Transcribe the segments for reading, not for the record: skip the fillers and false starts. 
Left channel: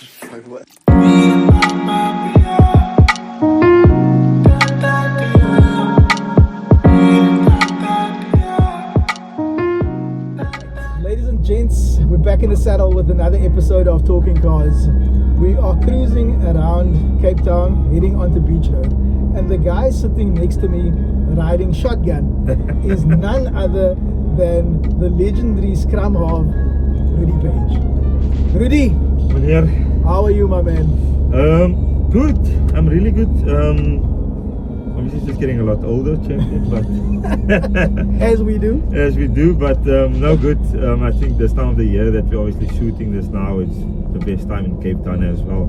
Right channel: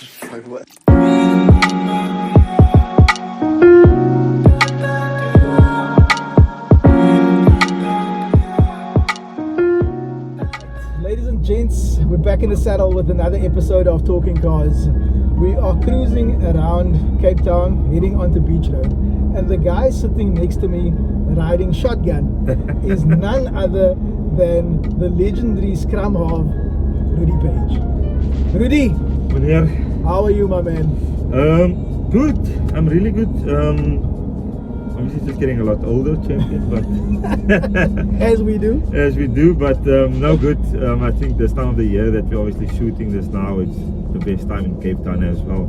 Ladies and gents, we're back in the saddle with another episode of Talking Cars. We are cruising around Cape Town, heading onto Beach Road, and the guy sitting next to me riding shotgun is none other than the legendary scrum of Rudy Paige. Rudy, Meneer, how are you, my man? good. I'm really good. Obviously just getting a lot older, champion, but As we do. but no good. I think this time of the year that we're obviously shooting this now, it's the best time in Cape Town as well.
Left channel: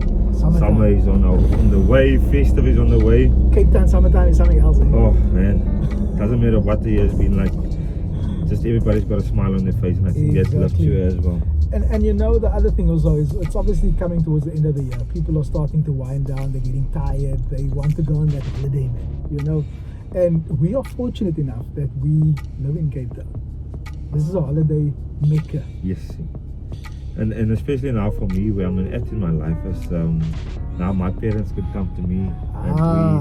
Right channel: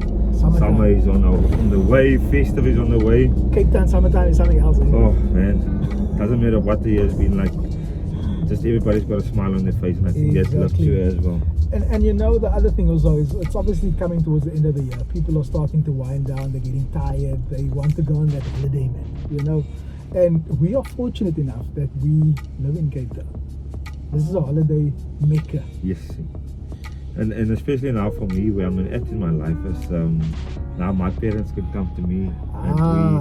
Summer is on the way, festive is on the way. Cape Town summertime is something else. Oh man, doesn't matter what the year has been like, just everybody's got a smile on their face, and I think that love to as well. And you know, the other thing also is it's obviously coming towards the end of the year. People are starting to wind down, they're getting tired, they want to go on that holiday, man, you know. And we are fortunate enough that we live in Cape Town. This is a holiday mecca. Yes, and especially now for me, where I'm at in my life is now my parents could come to me.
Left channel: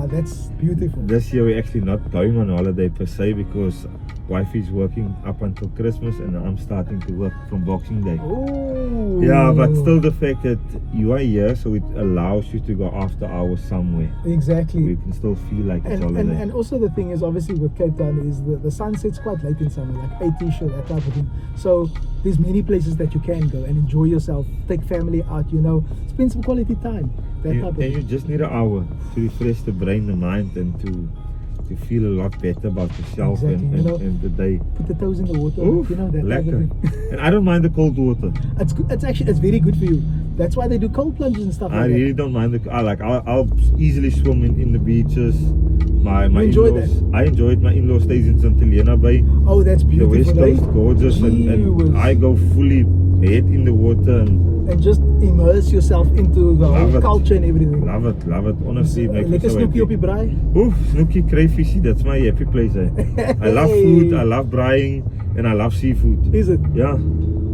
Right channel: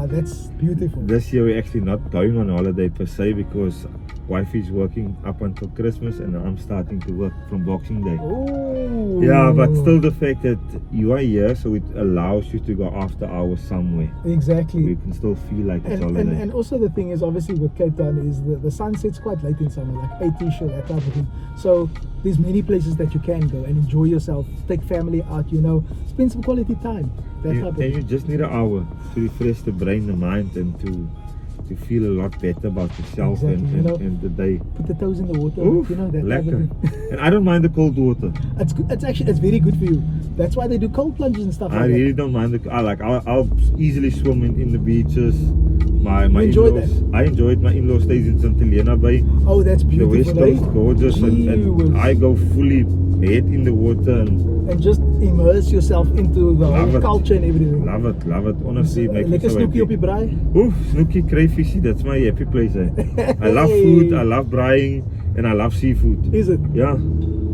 That's beautiful. This year we're actually not going on holiday per se because wife is working up until Christmas and I'm starting to work from Boxing Day. Oh. Yeah, but still the fact that you are here, so it allows you to go after hours somewhere. Exactly. We can still feel like it's holiday. And also the thing is, obviously with Cape Town is the sun sets quite late in summer, like 8ish or that type of thing. So there's many places that you can go and enjoy yourself, take family out, you know, spend some quality time. You just need an hour to refresh the brain, the mind, and to feel a lot better about yourself. Exactly. and the day. Put the toes in the water. Oof, you know that. lekker. And I don't mind the cold water. It's good. It's very good for you. That's why they do cold plunges and stuff I like that. really don't mind I'll easily swim in the beaches. My enjoy in-laws, that? I enjoy it. My in-law stays in St. Helena Bay. Oh, that's The beautiful. West Coast, gorgeous, and I go fully head in the water and just immerse yourself into the whole culture and everything. Love it. Honestly, it makes me Lekker so snoepie happy. op die braai. Oof, snoekie, crayfish, that's my happy place. I love food, I love braaiing, and I love seafood. Is it? Yeah.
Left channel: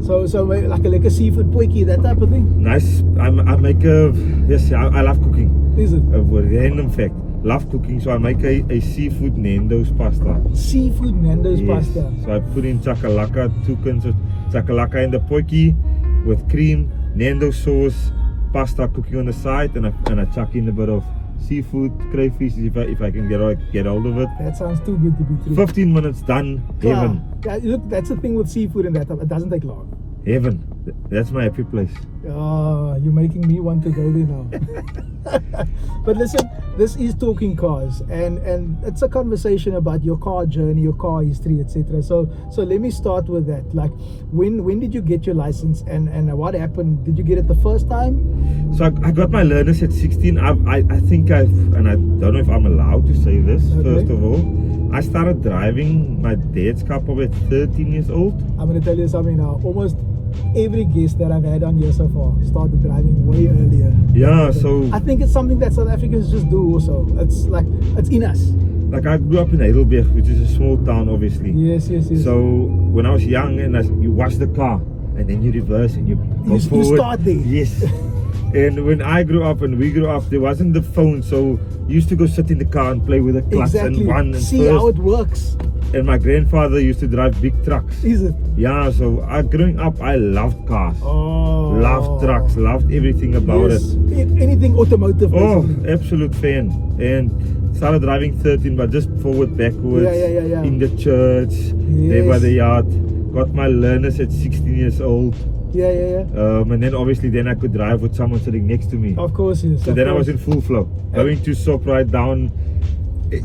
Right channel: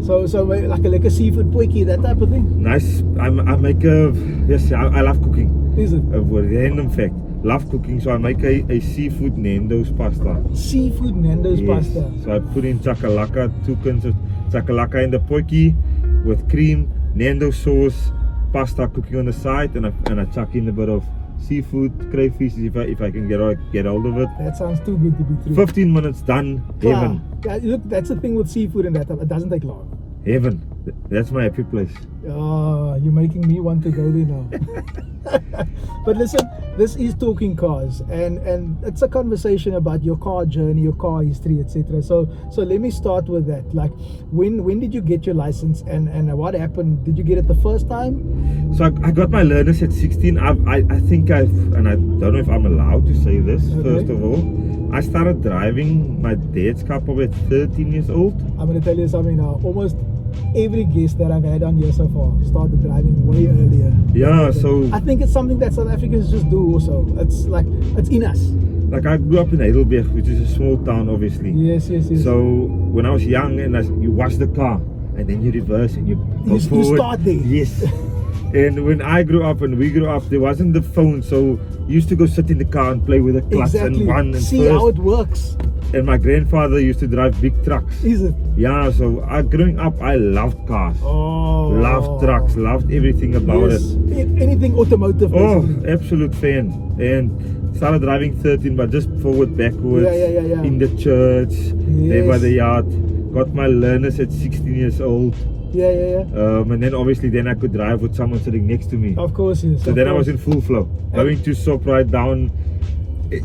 So like a lekker seafood potjie, that type of thing? Nice. I make I love cooking. Is it? For a random fact, love cooking, so I make a seafood Nando's pasta. Seafood Nando's pasta. So I put in chakalaka, 2 cans of chakalaka in the potjie with cream, Nando's sauce, pasta cooking on the side, and I chuck in a bit of seafood, crayfish if I can get hold of it. That sounds too good to be true. 15 minutes done, heaven. Yeah, look, that's the thing with seafood and that, it doesn't take long. Heaven. That's my happy place. You're making me want to go there now. But listen, this is Talking Cars, and it's a conversation about your car journey, your car history, etc. So let me start with that. Like, when did you get your license, and what happened? Did you get it the first time? So I got my learners at 16. I think and I don't know if I'm allowed to say this. Okay. First of all, I started driving my dad's car probably at 13 years old. I'm going to tell you something now. Almost every guest that I've had on here so far started driving way earlier. Yeah, so I think it's something that South Africans just do also. It's like, it's in us. like I grew up in Heidelberg, which is a small town obviously. Yes. So when I was young, and you wash the car and then you reverse and you go forward. You start there. Yes. And when I grew up and we grew up, there wasn't the phone, so you used to go sit in the car and play with the clutch and one and see how it works. And my grandfather used to drive big trucks. Is it? Yeah, so growing up, I loved cars. Oh. Loved trucks, loved everything about it. Anything automotive. Oh, absolute fan. And started driving 13, but just forward, backwards. Yeah. In the church, there by the yard. Got my learners at 16 years old. Yeah. And then obviously I could drive with someone sitting next to me. Of course, yes. So then I was in full flow. Going to shop right down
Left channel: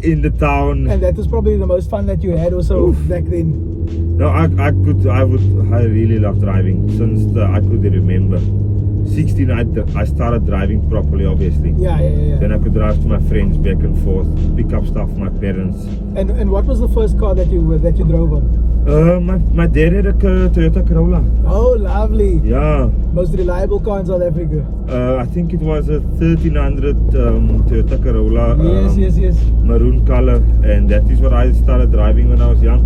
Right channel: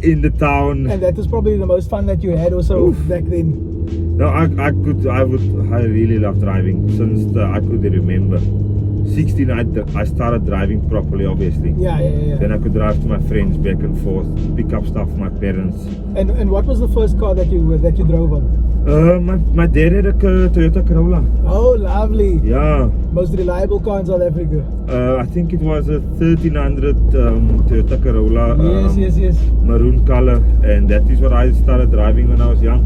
in the town. And that was probably the most fun that you had also back then. No, I really love driving since I could remember. 16, I started driving properly, obviously. Yeah. Then I could drive to my friends back and forth, pick up stuff from my parents. And what was the first car that you drove on? My dad had a Toyota Corolla. Oh, lovely. Yeah. Most reliable car in South Africa. I think it was a 1300 Toyota Corolla. Yes. Maroon color, and that is what I started driving when I was young.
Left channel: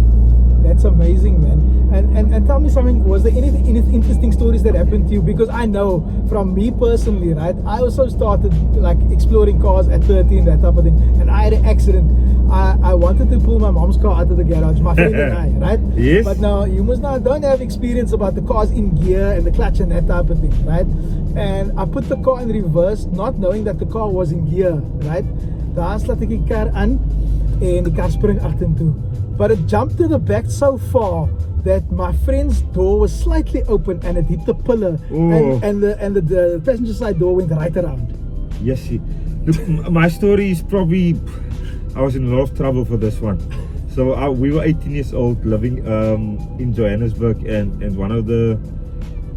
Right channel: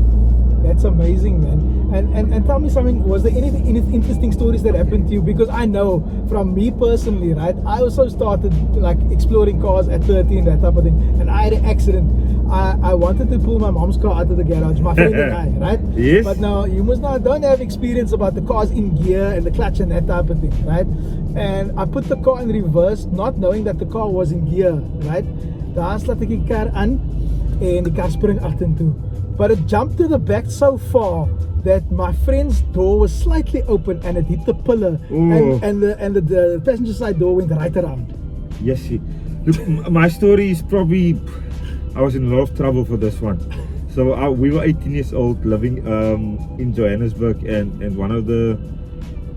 That's amazing, man. And tell me something, was there any interesting stories that happened to you? Because I know from me personally, right, I also started like exploring cars at 13, that type of thing, and I had an accident. I wanted to pull my mom's car out of the garage, my friend and I, right? Yes. But now you don't have experience about the cars in gear and the clutch and that type of thing, right? And I put the car in reverse, not knowing that the car was in gear, right? Daar slaat ek die kar aan en die kar spring agtertoe. But it jumped to the back so far that my friend's door was slightly open and it hit the pillar, and the passenger side door went right around. Yes, see. Look, my story is probably, I was in a lot of trouble for this one. So we were 18 years old, living in Johannesburg, and one of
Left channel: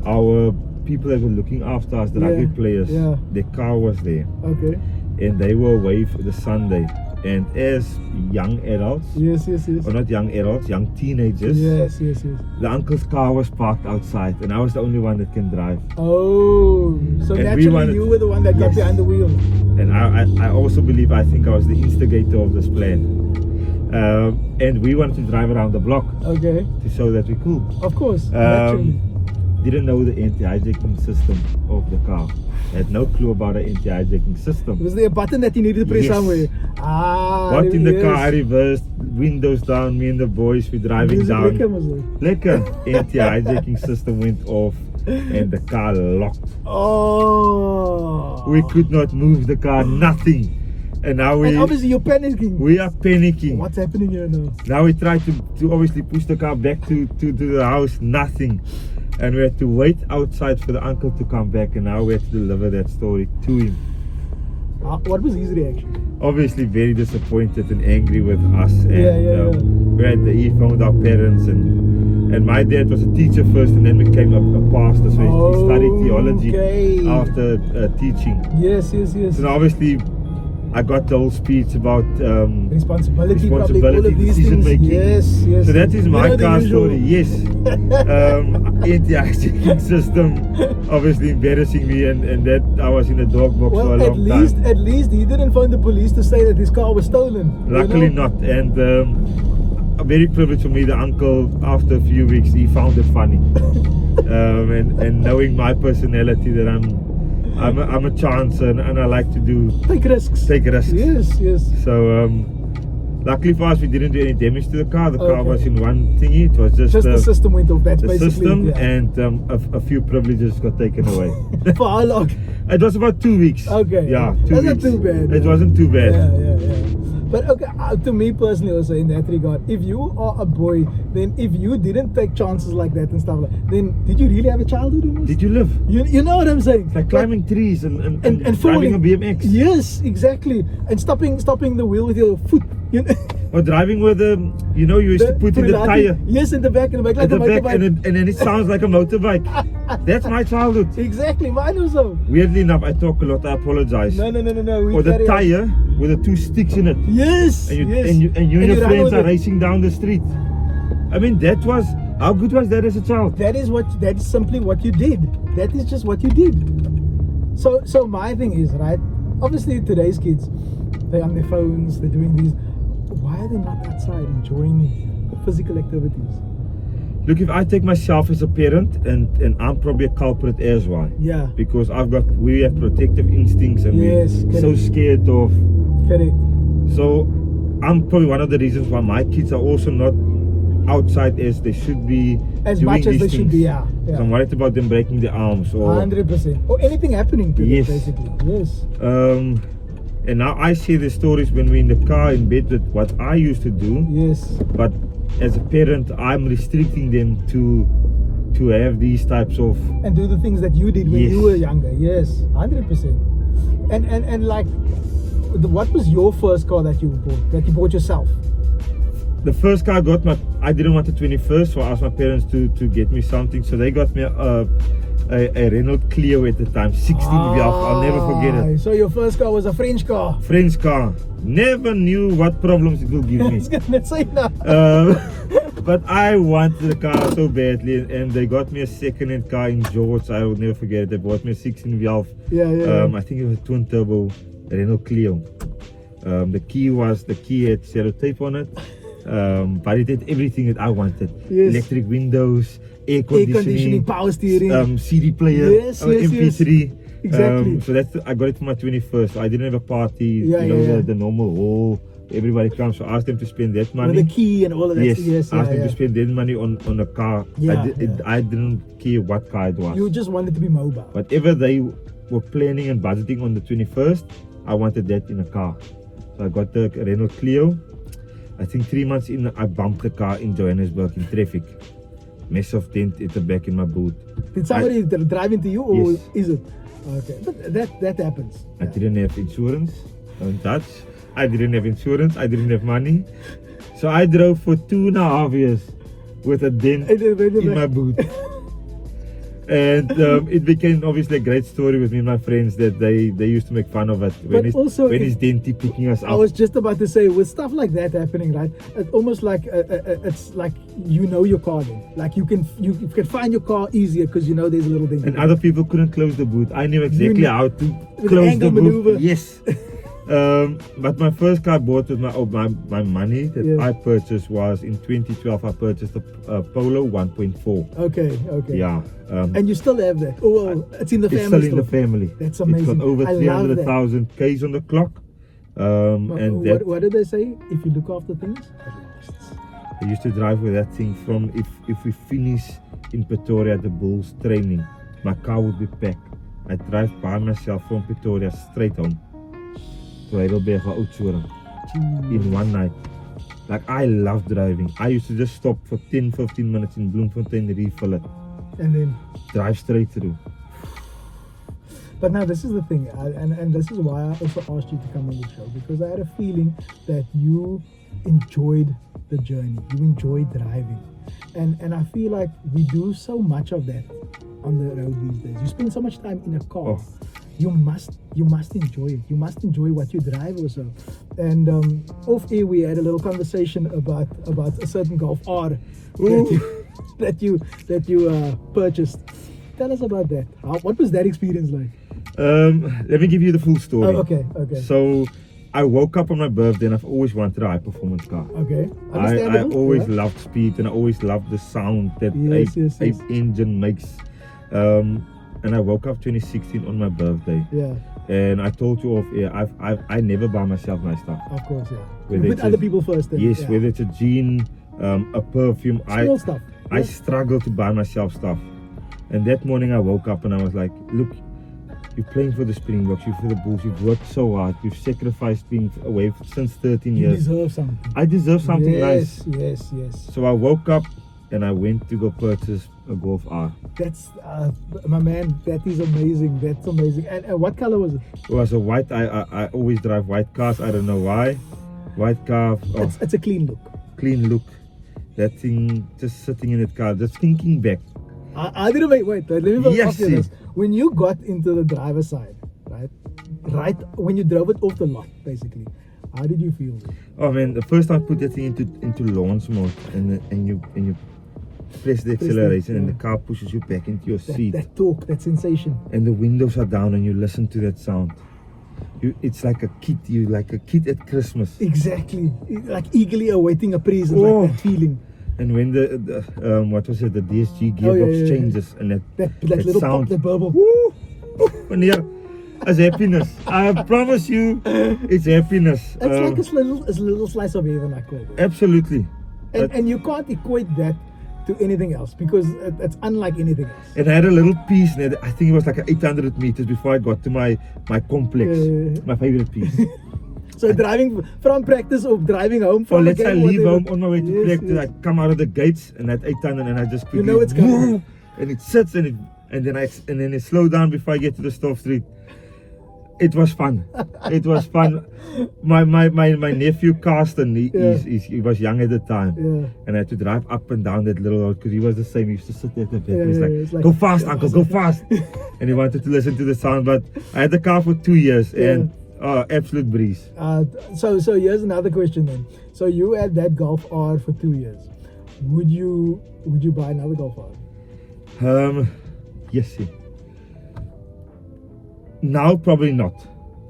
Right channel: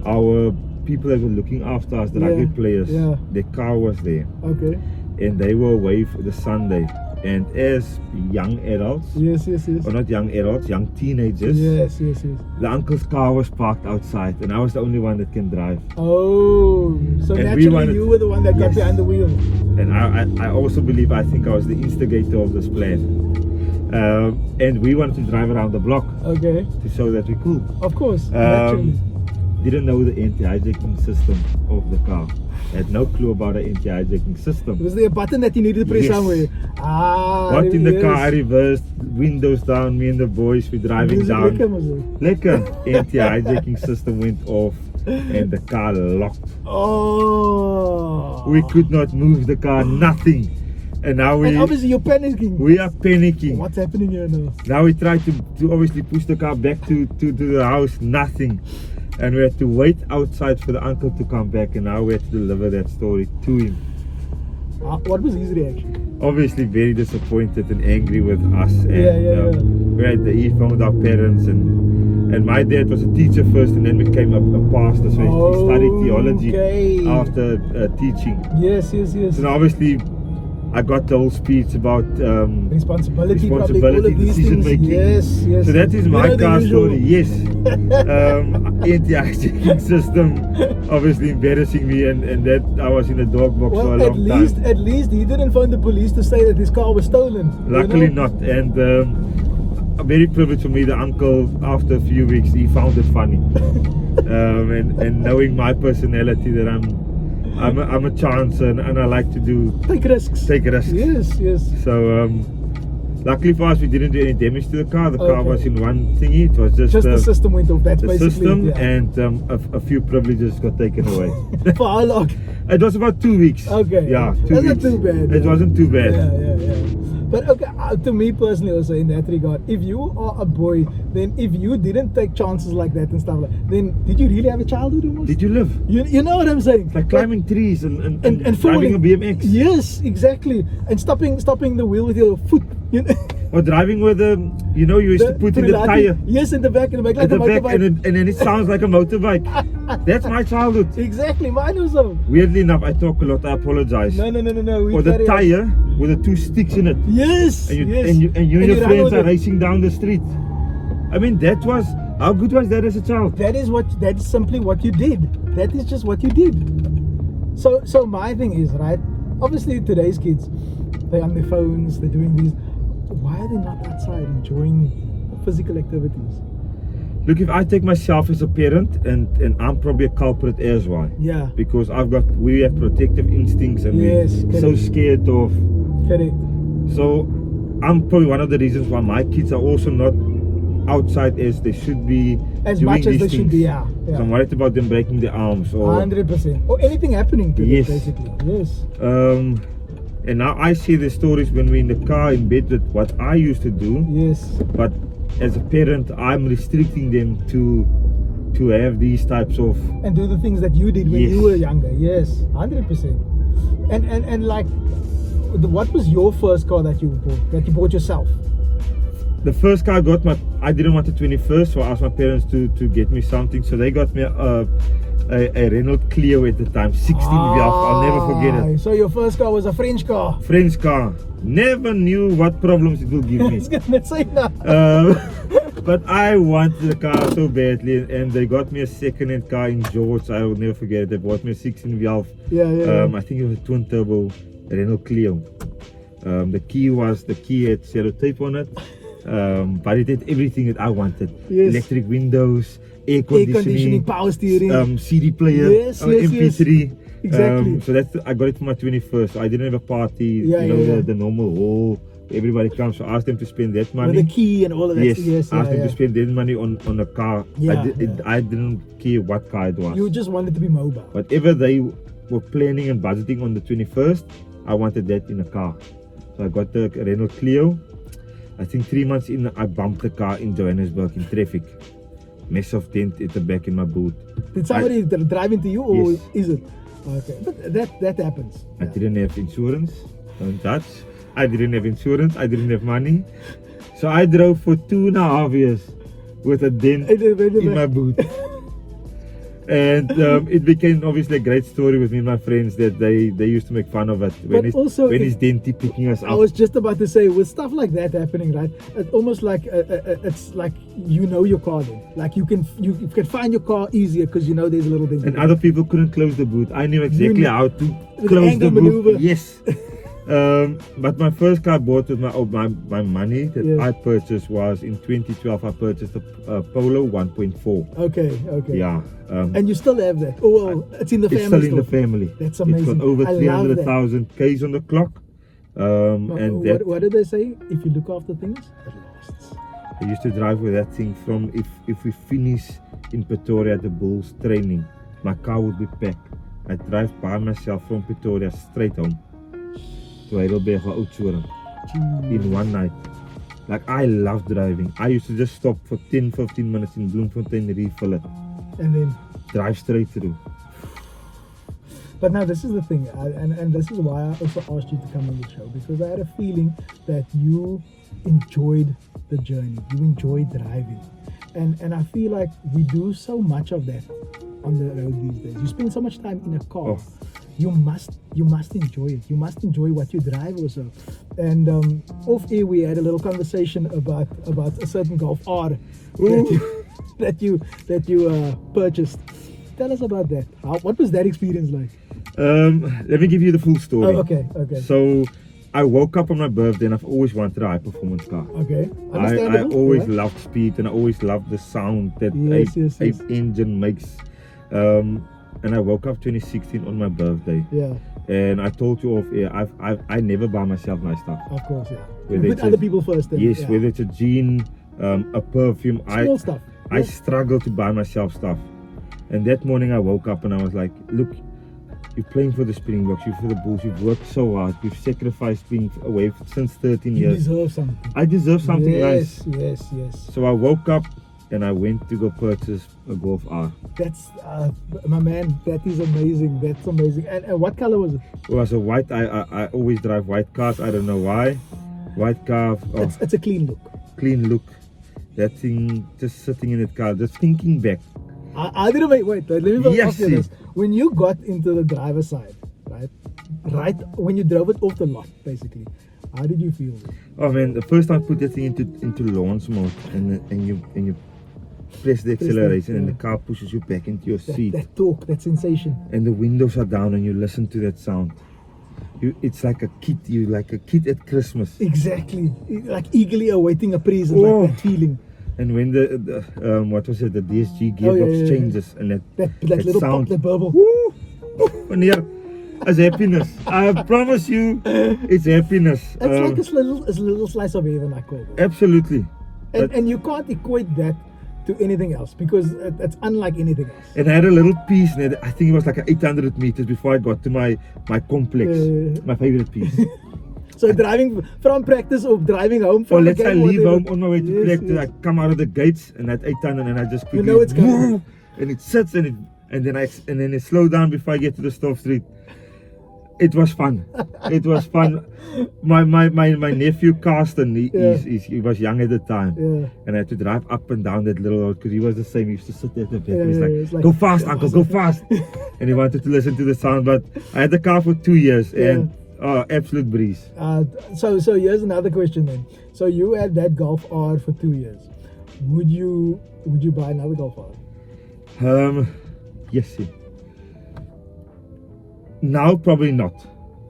our people that were looking after us, the rugby players, their car was there. Okay. And they were away for the Sunday. And as young adults, or not young adults, young teenagers, the uncle's car was parked outside, and I was the only one that can drive. Oh, so and actually you were the one that got behind the wheel. And I also believe, I think I was the instigator of this plan. And we wanted to drive around the block, to show that we could. Of course. Didn't know the anti-hijacking system of the car. Had no clue about the anti-hijacking system. Was there a button that you needed to press somewhere? Got in the car, I reversed, windows down, me and the boys were driving down. Lekker. Anti-hijacking system went off and the car locked. Oh. We could not move the car, nothing. And now and obviously you're panicking. We are panicking. What's happening here now? Now we tried to obviously push the car back to the house, nothing. And we had to wait outside for the uncle to come back, and now we had to deliver that story to him. What was his reaction? Obviously very disappointed and angry with us. And he phoned our parents, and my dad was a teacher first and then became a pastor, so he studied theology after teaching. Yes. So obviously I got the whole speech about responsibility, all of these decision things. making. Yes. So that is my car story. Yes. Anti-hijacking system, obviously embarrassing me, and that I was in the dog box for a long time. At least he didn't phone the police to say that his car was stolen. Luckily not, and very privileged for me. The uncle, after a few weeks, he found it funny, and knowing my personality, that I'm a chancer, and I like to take risks. Yes. So luckily for us, we didn't do any damage to the car. The car was in one thingy. It was just the system went off. That's the basically system, it, and a few privileges got taken away. For how long? It was about 2 weeks. Okay. Yeah, 2 That's weeks. not too bad. It wasn't too bad. Yeah. But to me personally also, in that regard, if you are a boy, then if you didn't take chances like that and stuff like that, then did you really have a childhood almost? Did you live? You know what I'm saying? Like climbing trees and falling. driving a BMX. Yes, exactly. And stopping the wheel with your foot. You know? Or driving with you used to put in the tire. Yes, in the back like a motorbike. And then it sounds like a motorbike. That's my childhood. Exactly, mine also. Weirdly enough, I talk a lot, I apologize. No. Or the tire with the 2 sticks in it. Yes. And you and your friends are racing down the street. I mean, how good was that as a child? That's simply what you did. That is just what you did. So my thing is, right, obviously today's kids, they're on their phones, they're doing these. Why are they not outside enjoying physical activities? Look, if I take myself as a parent, and I'm probably a culprit as well. Yeah. Because we have protective instincts, and we're so scared of. Correct. So I'm probably one of the reasons why my kids are also not outside as they should be, as doing much as these they things. should be. Yeah. So I'm worried about them breaking their arms or 100%, or anything happening to them, basically. Yes. And now I see the stories when we're in the car in bed with what I used to do. Yes. But as a parent, I'm restricting them to have these types of, and do the things that you did when you were younger. Yes, 100%. And like, what was your first car that you bought yourself? The first car I didn't want a 21st, so I asked my parents to get me something. So they got me a Renault Clio at the time, 16 Velf. I'll never forget it. So your first car was a French car? French car. Never knew what problems it will give me. I was gonna say that. But I wanted the car so badly, and they got me a second-hand car in George. I will never forget it. They bought me a 16 Velf. Yeah. I think it was a twin turbo Renault Clio. The key had sellotape on it. But it had everything that I wanted. Yes. Electric windows, air Air conditioning, conditioning, power steering. CD player, Yes, yes, MP3. Exactly. So that's I got it for my 21st. So I didn't have a party. Yeah, you know, yeah. The normal hall. Everybody comes. So I asked them to spend that money. With the key and all of that. Yes, Yes, I asked them yeah. to spend their money on a car. Yeah, I didn't care what car it was. You just wanted to be mobile. Whatever they were planning and budgeting on the 21st, I wanted that in a car. So I got the Renault Clio. I think 3 months in, I bumped the car in Johannesburg in traffic. Massive dent at the back in my boot. Did somebody drive into you, or Yes. is it? Okay, but that happens. I didn't have insurance. Don't touch. I didn't have insurance. I didn't have money. So I drove for 2.5 years with a dent in my boot. And it became obviously a great story with me and my friends that they used to make fun of it. When But also when is Denty picking us I up? was just about to say, with stuff like that happening, right? It's almost like it's like you know your car then. Like you can find your car easier because you know there's a little dent. And other people couldn't close the boot. I knew exactly how to with close angle the boot. maneuver. Yes. But my first car I bought with my money that Yeah. I purchased was in 2012. I purchased a Polo 1.4. Okay. Yeah. And you still have that? Oh well, it's in the family. It's still in the still. family. That's It's amazing. got over I love that. 300,000 Ks on the clock. And that What did they say? If you look after things, it lasts. I used to drive with that thing from if we finish in Pretoria the Bulls training, my car would be packed. I'd drive by myself from Pretoria straight home to Heidelberg or Oudtshoorn in one night. Like I love driving. I used to just stop for 10-15 minutes in Bloemfontein, refill it, And then, drive straight through. but now this is the thing, and this is why I also asked you to come on the show, because I had a feeling that you enjoyed the journey, you enjoyed driving, and I feel like we do so much of that on the road these days. You spend so much time in a car. Oh. You must enjoy it. You must enjoy what you drive also. And off air we had a little conversation about a certain Golf R that you purchased. Tell us about that. What was that experience like? Let me give you the full story. Oh, okay. So I woke up on my birthday and I've always wanted a high performance car. Okay. I Understandable. always Yeah. loved speed and I always loved the sound that Yes, a engine makes. And I woke up 2016 on my birthday. Yeah, And I told you off air, I never buy myself my stuff. of course, yeah. Whether Put it's other a- people first then. Yes, Yeah. whether it's a jean, a perfume, Small stuff. I struggle to buy myself stuff. And that morning I woke up and I was like, look, you're playing for the Springboks, you're for the Bulls, you've worked so hard, you've sacrificed being away since 13 You years. deserve something. I deserve something Yes, nice. yes. So I woke up and I went to go purchase a Golf R. That's my man. That is amazing. That's amazing. And what color was it? It was a white, I always drive white cars, I don't know why. White car, oh, It's a clean look. clean look. That thing just sitting in the car, just thinking back. I didn't wait. Let me Yes, ask you this. When you got into the driver's side, right when you drove it off the lot, basically, how did you feel? Oh man, the first time I put that thing into launch mode and you press the acceleration and the car pushes you back into your seat That torque, that sensation. and the windows are down and you listen to that sound. It's like a kid at Christmas. Exactly. Like eagerly awaiting a present, Oh. like that feeling. And when the what was it, the DSG Oh, yeah, gearbox yeah. changes and That that little sound. pop, that bubble. Woo! Wanneer is happiness. I promise you, it's happiness. It's like a little slice of heaven, I call it. Absolutely. And you can't equate that to anything else because it's unlike anything else. And I had a little piece, and I think it was like 800 meters before I got to my complex, my favorite piece. So driving from practice or driving home Or from let's say I the game, leave whatever. home on my way to Yes, practice, yes. I come out of the gates and at 800 and I just quickly, know it's coming. woo, and it sits and then it slow down before I get to the stop street. It was fun. It was fun. My nephew Carsten, he was young at the time, Yeah. and I had to drive up and down that little road because he was the same. He used to sit there at the back and Yeah, he's it's like, like, "Go fast, uncle, go fast!" And he wanted to listen to the sound. But I had the car for 2 years, and absolute breeze. So here's another question then. So you had that Golf R for 2 years. Would you buy another Golf R? Yes. Yeah. Now probably not.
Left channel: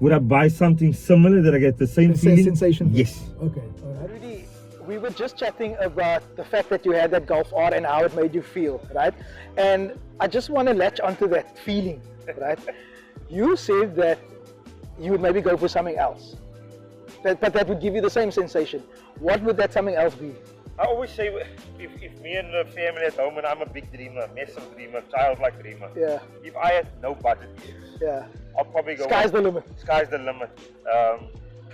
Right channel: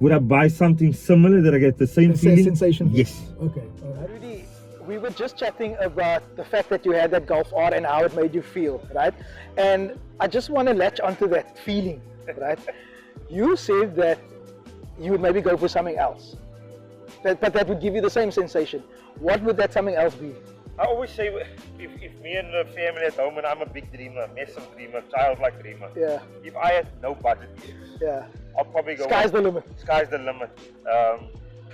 Would I buy something similar that I get the same The same feeling? sensation? Yes. Okay. Rudy, we were just chatting about the fact that you had that Golf R and how it made you feel, right? And I just want to latch onto that feeling, right? You said that you would maybe go for something else, but that would give you the same sensation. What would that something else be? I always say, if me and the family at home, and I'm a big dreamer, massive dreamer, childlike dreamer. Yeah. If I had no budget, Yeah. I'll probably go. Sky's the limit. Sky's the limit.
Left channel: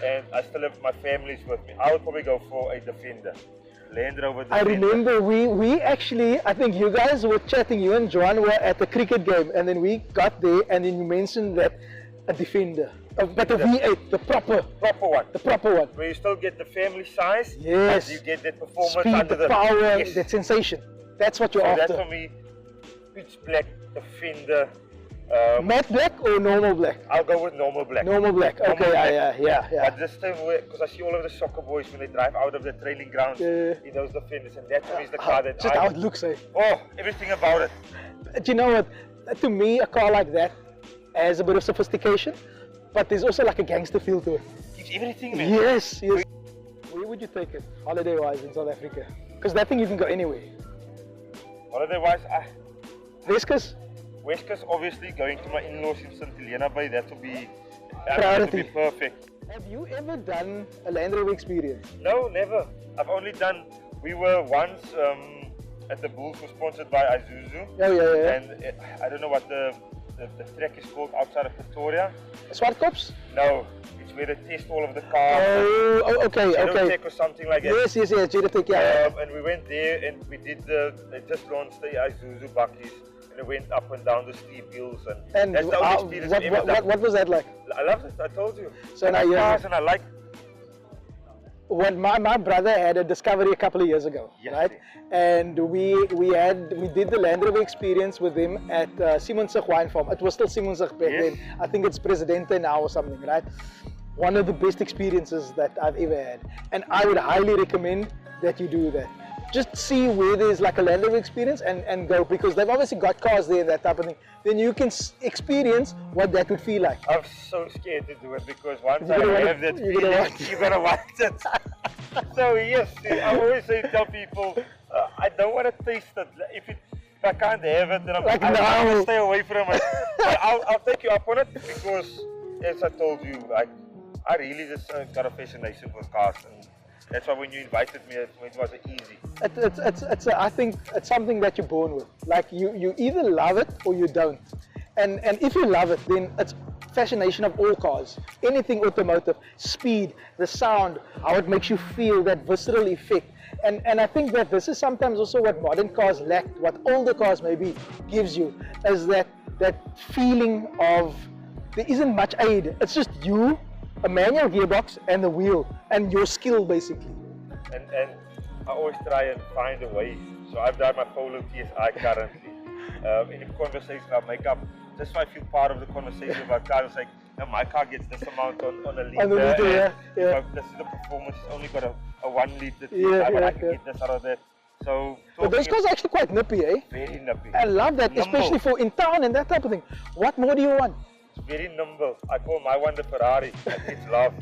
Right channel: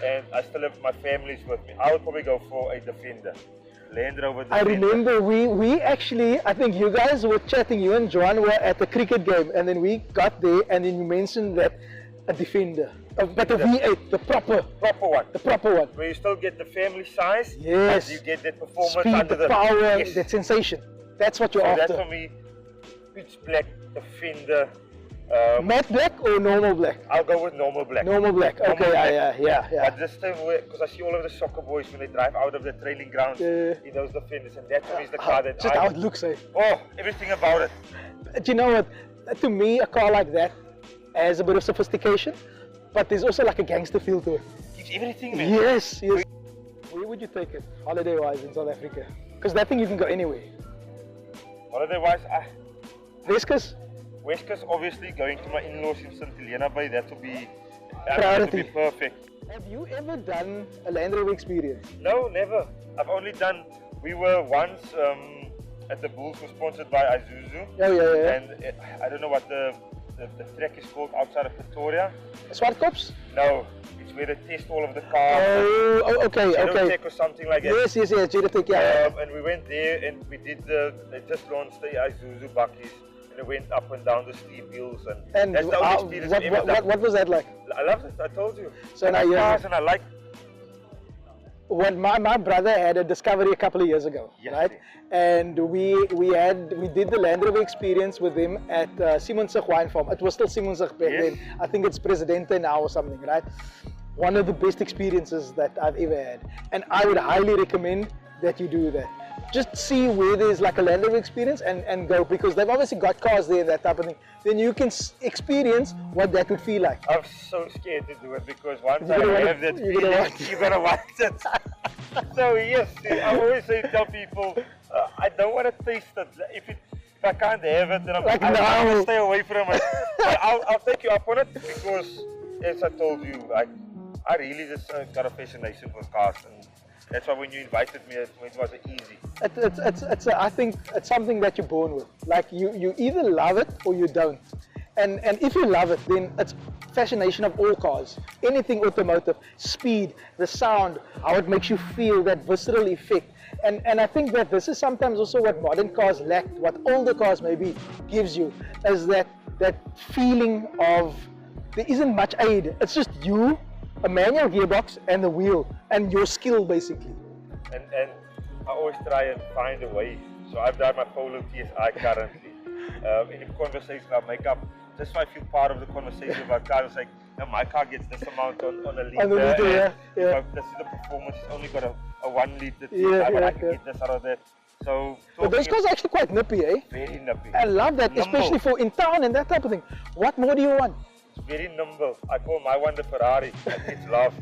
And I still have my family's with me. I would probably go for a Defender, Land Rover Defender. I remember we actually, I think you guys were chatting, you and John were at the cricket game, and then we got there, and then you mentioned that a Defender, but the V8, the proper one. The proper one. Where you still get the family size, Yes. but you get that performance Speed, under the power, yes. that sensation. That's what you're So after. that's for me, pitch black Defender. Matte black or normal black? I'll go with normal black. Normal black. Normal Okay, black. yeah. But this time, because I see all of the soccer boys when they drive out of the training grounds in those Defenders, and that for me is the car that Just how it looks, eh? Oh, everything about it. Do you know what? To me, a car like that has a bit of sophistication, but there's also like a gangster feel to it. Gives everything, man. Yes. Where would you take it, holiday-wise, in South Africa? Because that thing you can go anywhere. Holiday-wise, West Coast? West Coast, obviously, going to my in-laws in St. Helena Bay, that would be perfect. Have you ever done a Land Rover experience? No, never. I've only done, we were once at the Bulls, was sponsored by Isuzu. Oh, yeah. And I don't know what the track is called outside of Pretoria. Swartkops? No, it's where they test all of the cars. Oh, okay. Tech or something like that. Yes, Tech, yeah. And we went there and we did they just launched the Isuzu Buckies. And it went up and down the steep hills, and that's the only experience what was that like? I loved it, I told you. So now cars and I like. When my brother had a Discovery a couple of years ago, right? And we did the Land Rover experience with him at Simonsig Wine Farm. It was still Simonsig back then. I think it's Presidente now or something, right? One of the best experiences that I've ever had, and I would highly recommend that you do that. Just see where there's like a Land Rover experience and go, because they've obviously got cars there, that type of thing. Then you can experience what that would feel like. I'm so scared to do it because once I have that feeling, you're gonna want it. So yes, I always say, tell people, I don't want to taste it. If I can't have it, then I'm gonna stay away from it. I'll take you up on it because, as I told you, I really just got a fascination with cars. And that's why when you invited me, it was easy. I think it's something that you're born with. Like you either love it or you don't. And if you love it, then it's fascination of all cars. Anything automotive, speed, the sound, how it makes you feel, that visceral effect. And I think that this is sometimes also what modern cars lack, what older cars maybe gives you, is that feeling of there isn't much aid. It's just you, a manual gearbox and the wheel, and your skill basically. And I always try and find a way. So I've done my Polo TSI currently. In a conversation I make up, just so I feel part of the conversation about cars. It's like, now my car gets this amount on a liter. This is the performance, it's only got a 1 liter. I can get this out of that. So but those cars are actually quite nippy, eh? Very nippy. I love that, especially for in town and that type of thing. What more do you want? It's very nimble. I call my one the Ferrari. It's love.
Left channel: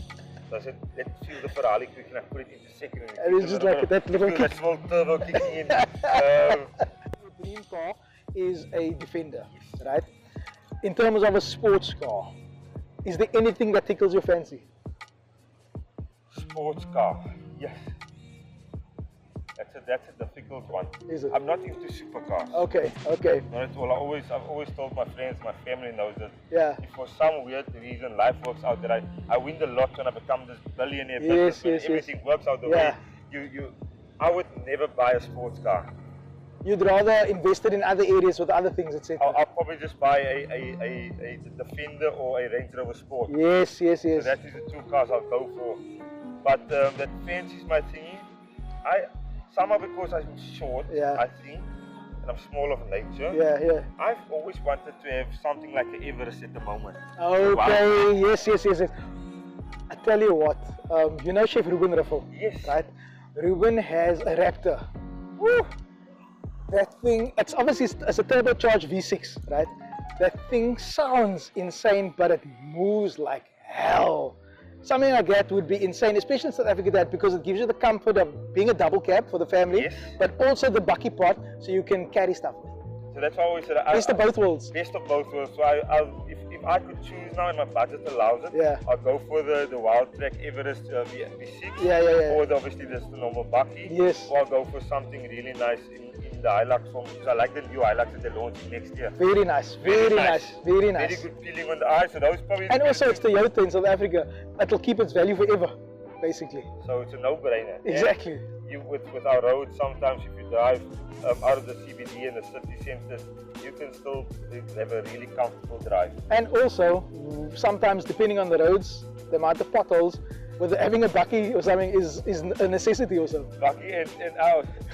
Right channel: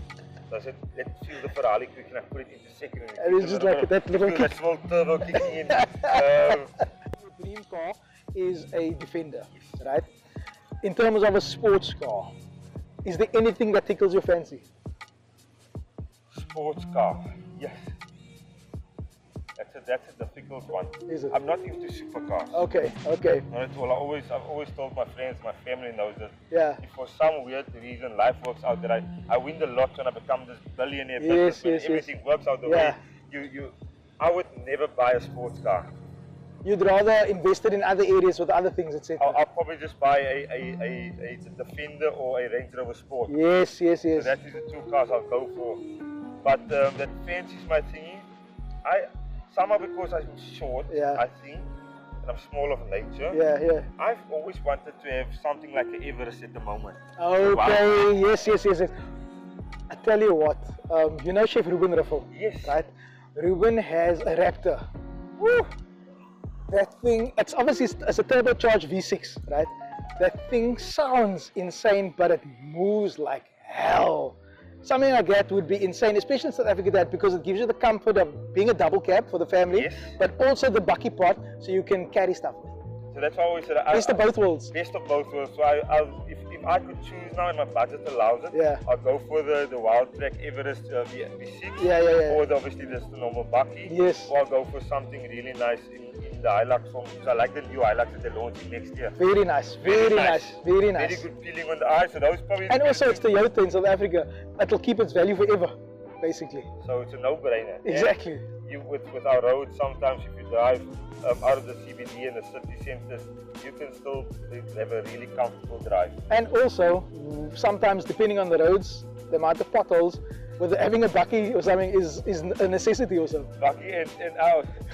So I said, let's feel the Ferrari quick, and I put it into second. And it's just like that little kick. That small turbo kicking in. Your dream car is a Defender, right? In terms of a sports car, is there anything that tickles your fancy? Sports car, yes. That's a difficult one. Is it? I'm not into supercars. Okay. Not at all. I've always told my friends, my family knows that. Yeah. If for some weird reason life works out that I win the lot and I become this billionaire businessman, everything works out the way I would never buy a sports car. You'd rather invest it in other areas with other things, etc. I'll probably just buy a Defender or a Range Rover Sport. Yes. So that is the two cars I'll go for. But that fancy is my thingy. Somehow because I'm short, I think, and I'm small of nature. Yeah. I've always wanted to have something like an Everest at the moment. Okay, yes. I tell you what, you know Chef Ruben Riffel? Yes. Right? Ruben has a Raptor. Woo! That thing, it's obviously it's a turbocharged V6, right? That thing sounds insane, but it moves like hell. Something like that would be insane, especially in South Africa, that because it gives you the comfort of being a double cab for the family, Yes. but also the bucky pot, so you can carry stuff. So that's why I always said, Best of both worlds. Best of both worlds. So if I could choose now and my budget allows it, Yeah. I'll go for the Wild Track Everest V6. Yeah. Or obviously just the normal bucky. Yes. Or I'll go for something really nice in the Hilux form, because I like the new Hilux that they're launching next year. Very nice, very nice, very nice. Very good feeling on the eye. So those probably. And also it's Toyota in South Africa. It'll keep its value forever, basically. So it's a no-brainer. Exactly. You with our roads, sometimes if you drive out of the CBD and the city centers, you can still have a really comfortable drive. And also, sometimes depending on the roads, the amount of potholes, whether having a bucky or something is a necessity also. Bucky and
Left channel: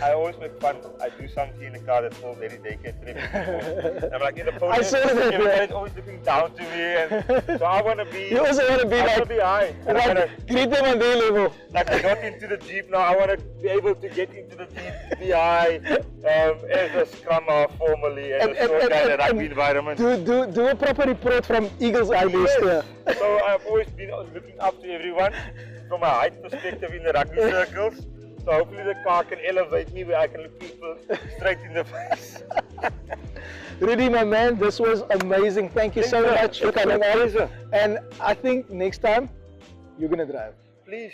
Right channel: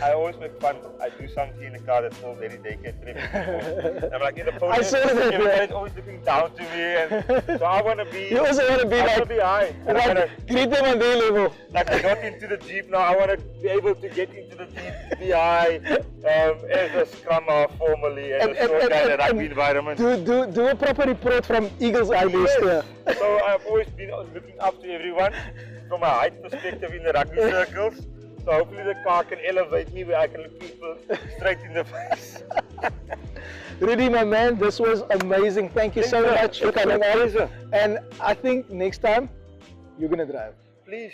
I always make fun. I do something in the car that's all very daycare trip. I'm like in the photo, I saw that, everybody's always looking down to me, and so I want to be. You also want to be I want like, to be high. And I wanna, greet them on their level. like I got into the Jeep now. I want to be able to get into the Jeep, be high, as a scrummer formally, as a short guy in a rugby environment. Do a proper report from Eagle's Eye base there. So I've always been looking up to everyone from a height perspective in the rugby circles. So hopefully the car can elevate me where I can look people straight in the face. Rudy, my man, this was amazing. Thank you so much for coming on. And I think next time you're gonna drive. Please.